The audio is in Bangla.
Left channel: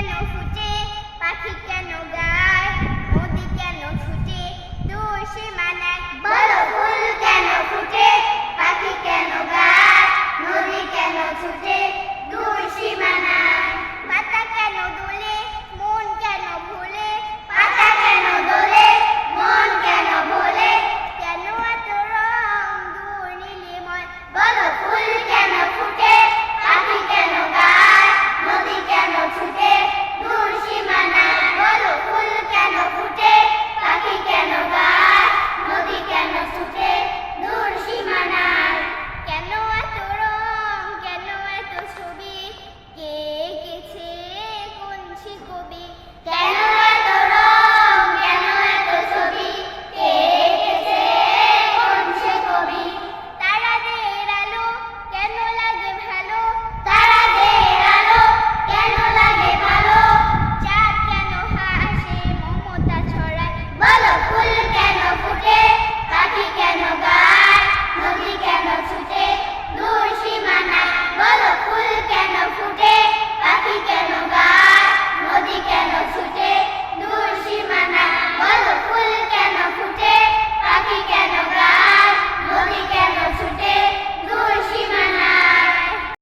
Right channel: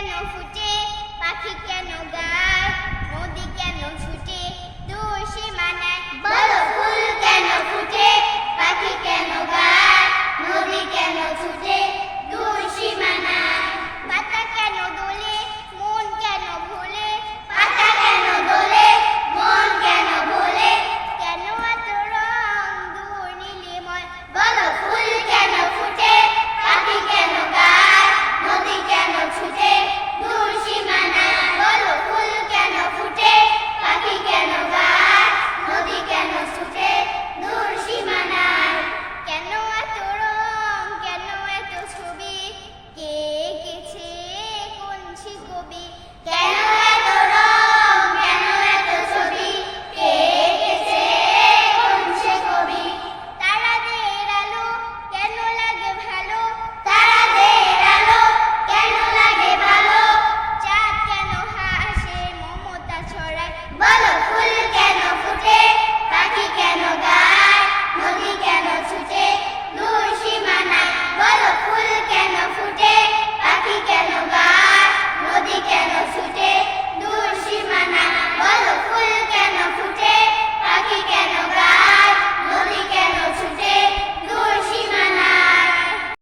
কেন ফুটে, পাখি কেন গায়, নদী কেন ছুটে দূর সীমানায়। বলো ফুল কেন ফুটে, পাখি কেন গায়, নদী কেন ছুটে দূর সীমানায়।